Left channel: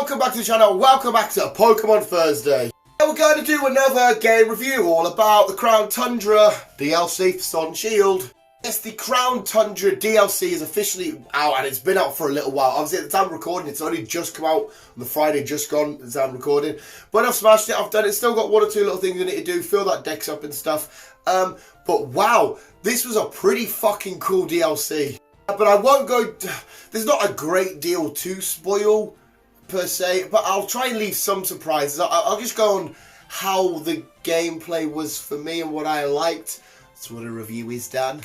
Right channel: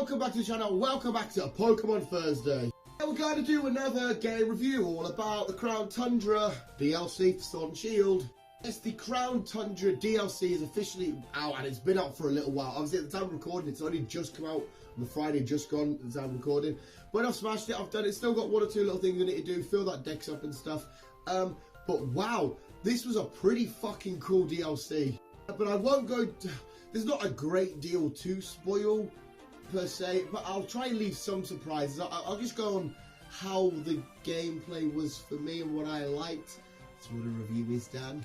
welcome back to the channel, welcome back to Pokemon Thursday. We're going to do another game review all about the Crown Tundra DLC for Sword and Shield. Yes, the Crown Tundra DLC is officially out and it's been out for a little while. Obviously at the time of recording, it's only just come out on the Friday just gone at the time of recording. But I've smashed it, I've done it, still got one or two little things I need to do, fill that dex up and stuff. But wow, this was a pretty fucking cool DLC. But I won't go, there's not a great deal to spoil per se, but I'll try and leave some surprises. I'll just go on how the gameplay was for me and what I liked. That's what a review is, Dan.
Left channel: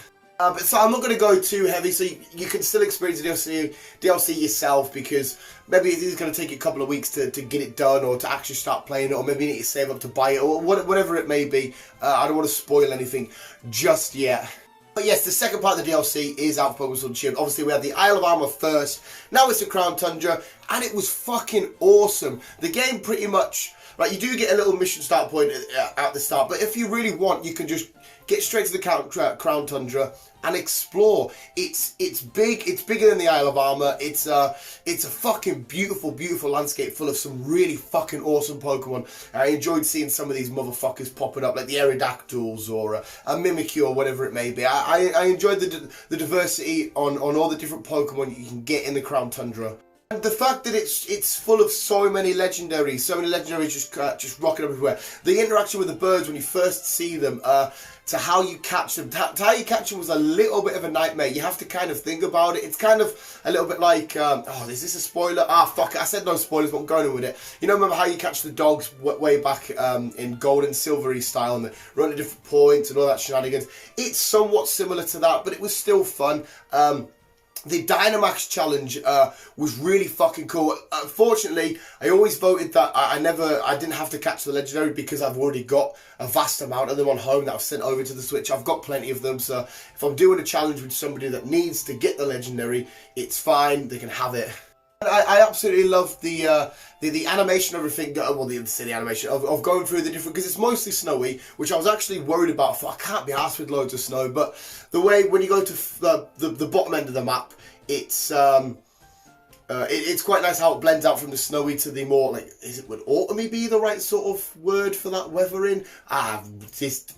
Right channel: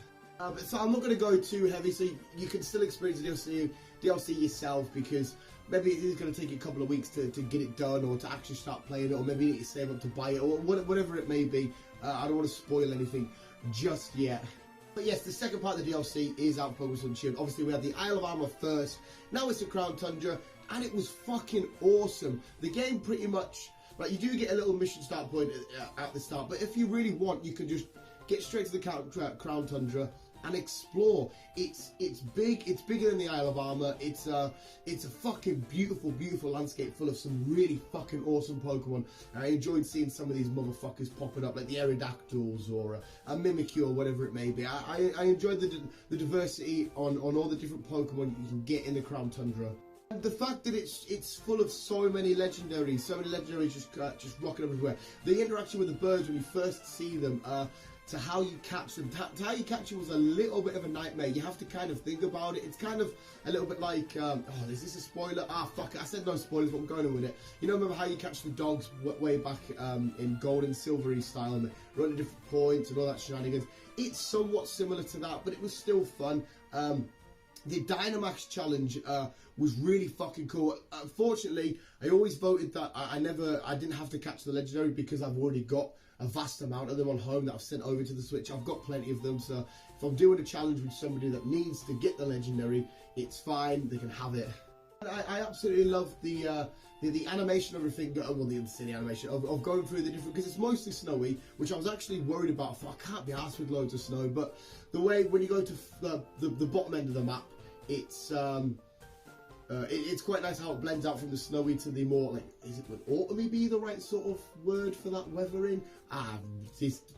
So I'm not going to go too heavy, so you can still experience the DLC yourself, because maybe it is going to take you a couple of weeks to get it done, or to actually start playing it, or maybe you need to save up to buy it, or whatever it may be. I don't want to spoil anything just yet. But yes, the second part of the DLC is out for Pokemon Sword and Shield. Obviously, we had the Isle of Armor first. Now it's the Crown Tundra, and it was fucking awesome. The game pretty much, right, you do get a little mission start point at the start, but if you really want, you can just get straight to the Crown Tundra and explore. It's big. It's bigger than the Isle of Armor. It's a fucking beautiful, beautiful landscape full of some really fucking awesome Pokemon. I enjoyed seeing some of these motherfuckers popping up, like the Aerodactyls or a Mimikyu or whatever it may be. I enjoyed the diversity on all the different Pokemon you can get in the Crown Tundra. And the fact that it's full of so many legendaries just rocking up everywhere. The interaction with the birds when you first see them, to how you catch them. To how you catch them was a little bit of a nightmare. You have to kind of think about it. It's kind of a little bit like, oh, is this a spoiler? Ah, fuck it. I said no spoilers, but I'm going on with it. You know, remember how you catch the dogs way back in gold and silvery style, and they run at different points and all that shenanigans? It's somewhat similar to that, but it was still fun. The Dynamax challenge was really fucking cool. Unfortunately, I always voted that I didn't have to catch the legendary, because I've already got a vast amount of them on home that I've sent over to the Switch. I've got plenty of them, so if I'm doing a challenge with somebody that needs to get the legendary, it's fine, they can have it. I absolutely love the animation of everything, well, the animation of going through the different, because it's mostly snowy, which I was actually worried about. I can't be arsed with loads of snow, but the way when you go to the bottom end of the map, it's quite nice how it blends out from the snowy to the more, like, would autumny be the right sort of word for that weathering?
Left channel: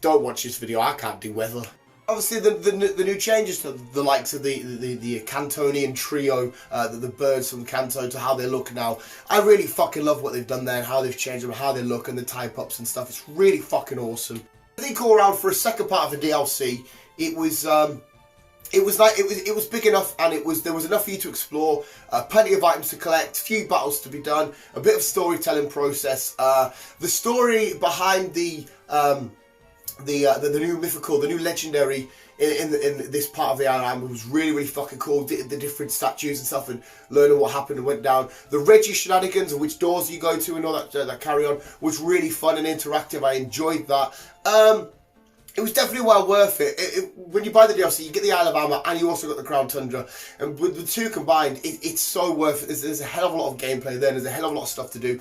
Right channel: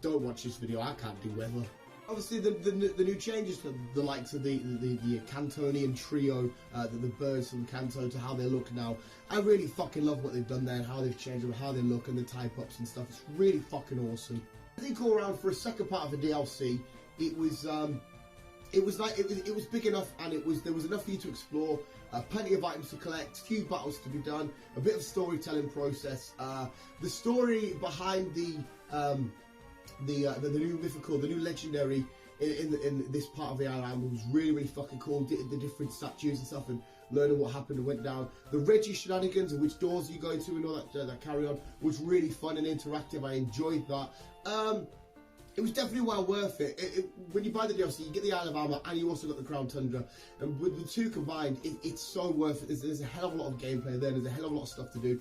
Don't watch this video, I can't do weather. Obviously, the new changes to the likes of the Cantonian trio, the birds from Kanto, to how they look now. I really fucking love what they've done there and how they've changed them, how they look, and the type ups and stuff. It's really fucking awesome. I think all around for a second part of the DLC, it was big enough, and there was enough for you to explore, plenty of items to collect, few battles to be done, a bit of storytelling process. The story behind the new mythical, the new legendary in this part of the island was really, really fucking cool. The different statues and stuff, and learning what happened and went down. The Reggie shenanigans and which doors you go to and all that carry on was really fun and interactive. I enjoyed that. It was definitely well worth it. When you buy the DLC, you get the Isle of Armor and you also got the Crown Tundra. And with the two combined, it's so worth it. There's a hell of a lot of gameplay there. There's a hell of a lot of stuff to do.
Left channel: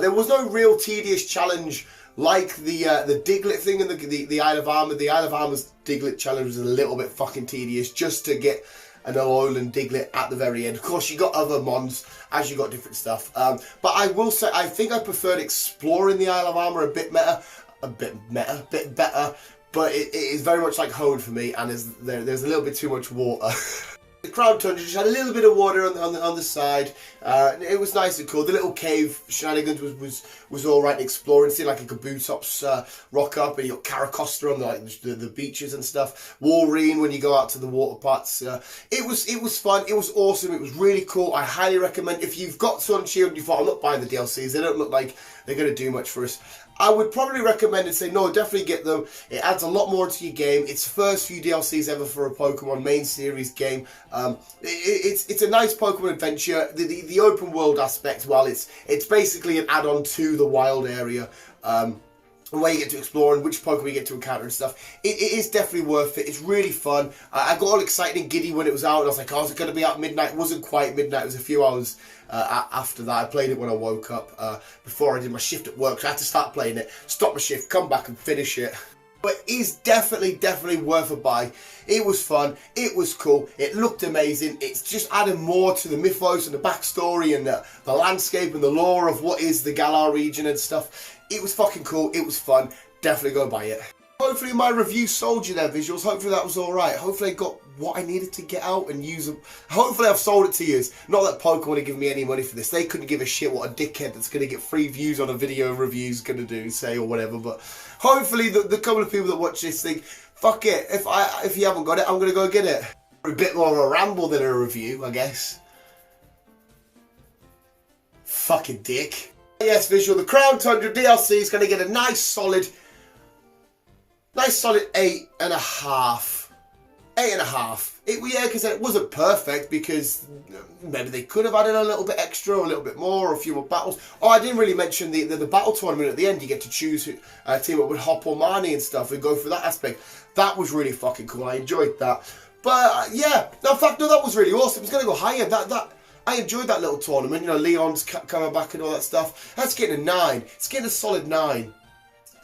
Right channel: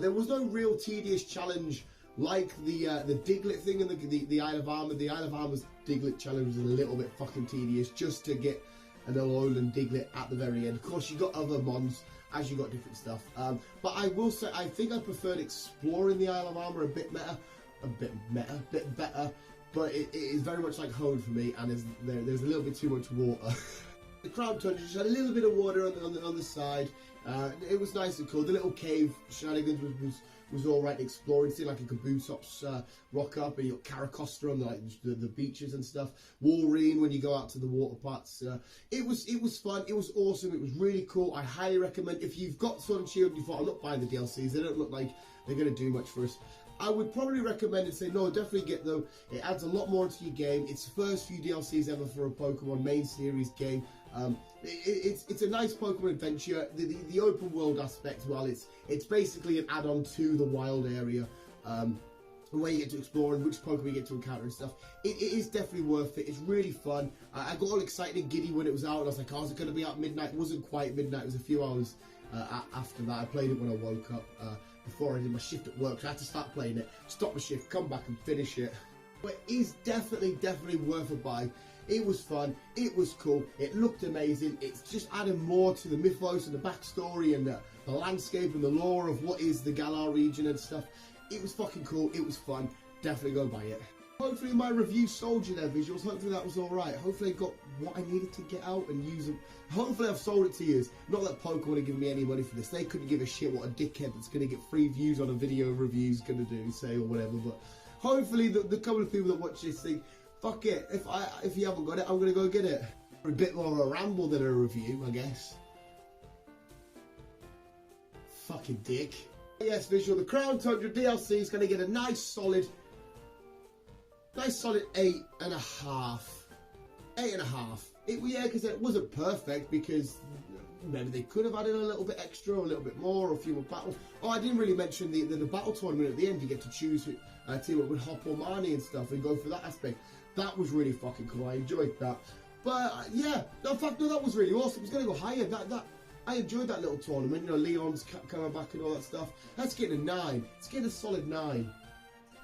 There was no real tedious challenge like the Diglett thing in the Isle of Armor. The Isle of Armor's Diglett challenge was a little bit fucking tedious, just to get an Alolan Diglett at the very end. Of course, you got other mons as you got different stuff. But I will say, I think I preferred exploring the Isle of Armor a bit better. But it is very much like home for me, and there's a little bit too much water. The Crown Tundra just had a little bit of water on the side. It was nice and cool. The little cave shenanigans was all right exploring. See, like a Kabutops rock up, and you got Caracosta on the beaches and stuff. Walrein when you go out to the water parts. It was fun. It was awesome. It was really cool. I highly recommend, if you've got Sword and Shield and you thought, I'm not buying the DLCs, they don't look like they're going to do much for us, I would probably recommend and say, no, definitely get them. It adds a lot more to your game. It's the first few DLCs ever for a Pokemon main series game. It's a nice Pokemon adventure. The open world aspect, well, it's basically an add-on to the wild area. Where you get to explore and which Pokemon you get to encounter and stuff. It is definitely worth it. It's really fun. I got all excited and giddy when it was out, and I was like, oh, is it going to be out midnight? It wasn't quite midnight. It was a few hours after that. I played it when I woke up, before I did my shift at work, so I had to start playing it, stop my shift, come back and finish it. But it is definitely worth a buy. It was fun, it was cool, it looked amazing. It's just adding more to the mythos and the backstory and the landscape and the lore of what is the Galar region and stuff. It was fucking cool, it was fun. Definitely go buy it. Hopefully my review sold you their visuals. Hopefully that was alright. Hopefully I got what I needed to get out and use them. Hopefully I've sold it to you. Not that Pokemon are giving me any money for this. They couldn't give a shit what a dickhead that's going to get free views on a video review is going to do, say, or whatever. But hopefully the couple of people that watch this think, fuck it, if you haven't got it, I'm going to go get it. A bit more of a ramble than a review, I guess. Fucking dick. Yes, visual. The Crown Tundra DLC is going to get a nice solid 8.5. 8.5. Yeah, because it wasn't perfect, because maybe they could have added a little bit extra, or a little bit more, or a few more battles. Oh, I didn't really mention the battle tournament at the end. You get to choose who team up with Hop or Marnie and stuff, and go through that aspect. That was really fucking cool. I enjoyed that. But yeah, in fact, no, that was really awesome. It's going to go higher. I enjoyed that little tournament. You know, Leon's coming back and all that stuff. That's getting a 9. It's getting a solid 9.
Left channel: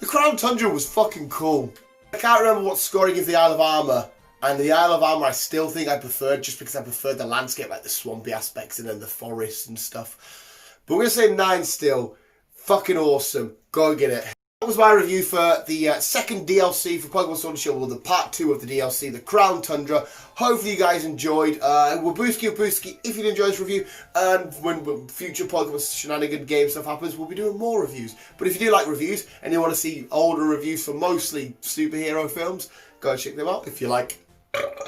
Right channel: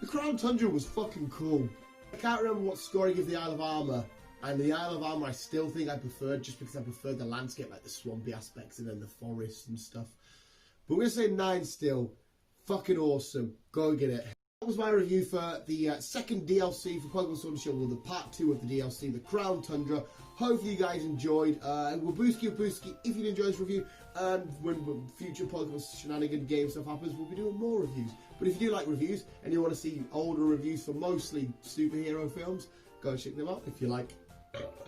The Crown Tundra was fucking cool. I can't remember what score I give the Isle of Armor. And the Isle of Armor I still think I preferred, just because I preferred the landscape, like the swampy aspects and then the forest and stuff. But we're going to say 9 still. Fucking awesome. Go get it. That was my review for the second DLC for Pokemon Sword and Shield, or the part 2 of the DLC, the Crown Tundra. Hopefully you guys enjoyed. Wabooski, if you enjoyed this review, and when future Pokemon shenanigan game stuff happens, we'll be doing more reviews. But if you do like reviews, and you want to see older reviews for mostly superhero films, go and check them out. If you like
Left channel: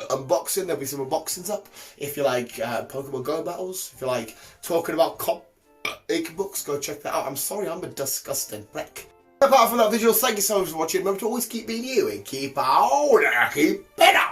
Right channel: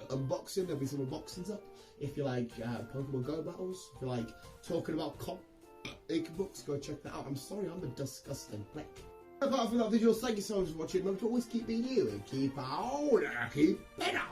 unboxing, there'll be some unboxings up. If you like Pokemon Go battles, if you like talking about comic books, go check that out. I'm sorry, I'm a disgusting wreck. Apart from that visual, thank you so much for watching. Remember to always keep being you and keep on, keep better.